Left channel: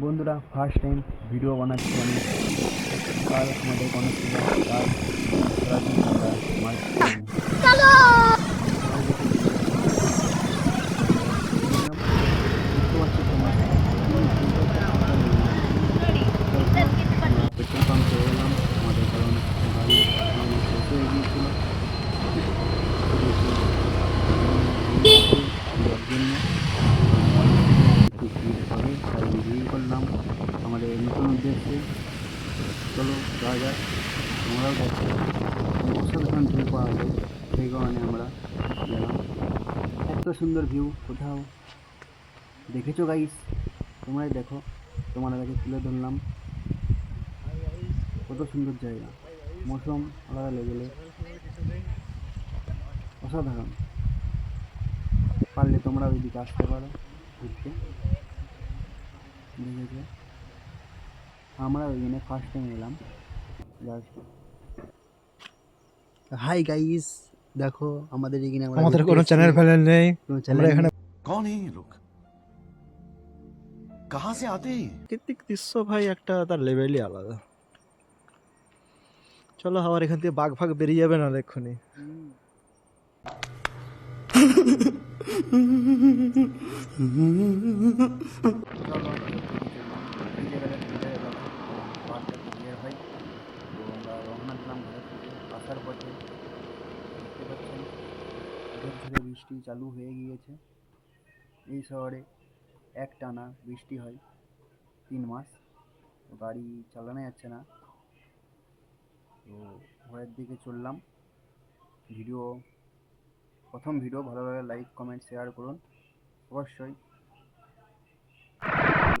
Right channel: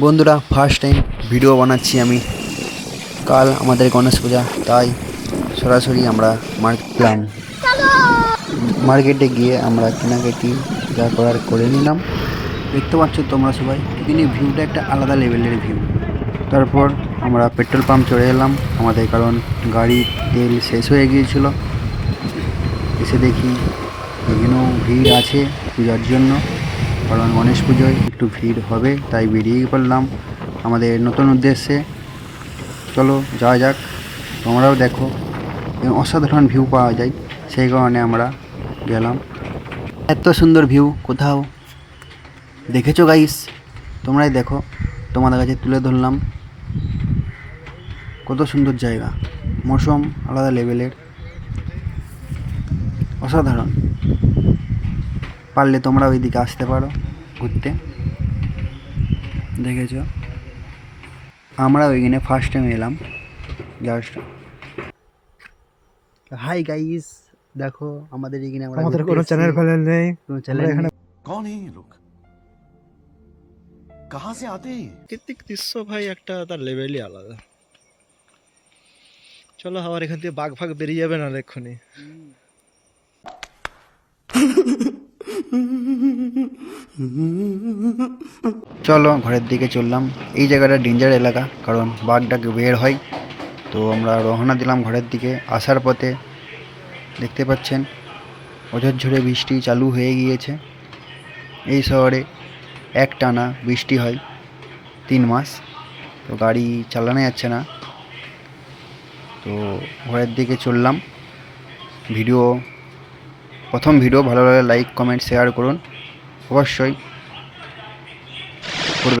বন্ধুরা, first time video বানাচ্ছি আমি। কাল আমাদের গণেশ পূজা, তাই সরাসরি আমরা মার্কেটে গিয়ে আমরা কেনাকাটি যা করার করে নিলাম। দেখতে পাচ্ছ তোমরা সবাই, কিন্তু ভিউটা একটা আলাদা লেভেলের ভিউ। তারপর আমরা পেট্রোল পাম্প চলে এলাম আমাদের, কারণ গাড়ির তেল শেষ হয়ে গিয়েছিল। এসে দেখি এখনও ভিড় আছে পূজার জন্য, কারণ গণেশ পুজোয় একটু ভিড় হবে, তাই বেরিয়ে পড়লাম আমাদের নতুন উদ্দেশ্যে। চলো যাওয়া যাক, তোমরাও দেখো অসাধারণ ভিউ পাওয়া যায়, সেই কারণে আমরা গেলাম। এত সুন্দর ভিউ কোথাও দেখেছো গাইস? তোমরাই দেখো, তোমাদের কাছে তুলে ধরলাম। কত সুন্দর জায়গা, মৌসুম আলাদা লেভেলের, অসাধারণ। পারলে তোমরা ওইদিকে আসতে পারো ঘুরতে। দেখেছো, আমরা ওইখানে ফার্স্ট টাইম এলাম জাস্ট। হাই গাইস, দেখো আমাদের এখানে আমরা আমাদের ঘুরতে কোনো এসেছি। চ্যানেল ফ্যানেল নেই। কোনো আমরা চ্যানেল এখানে নেই। कौन है ये लोग? कहां से आते हैं ये? প্রাকৃতিক দৃশ্য ভাই একটা তার লেভেলই আলাদা। চলো আবার এখান থেকে বাঘ ফাঘ বেরিয়ে যাবে না এক্ষুনি। চলো ঘরের দিকে চললাম। এই জায়গাটা ডেঞ্জার এলাকা, কারণ বাঘটাকে বের হয়। তো আমরা রওনা দিলাম ঘরের দিকে। আসার পথে দেখতে পাচ্ছেন অঝরঝরে বৃষ্টি চালু হয়ে গিয়েছে। এই শহরে একটানা বৃষ্টি হয় 3 মাস, তো গাড়ি চালানো যাচ্ছে না। তো ঘরের দিকে চললাম। প্রথম ভিডিও ভালো লাগলে লাইক কমেন্ট শেয়ার করুন অবশ্যই।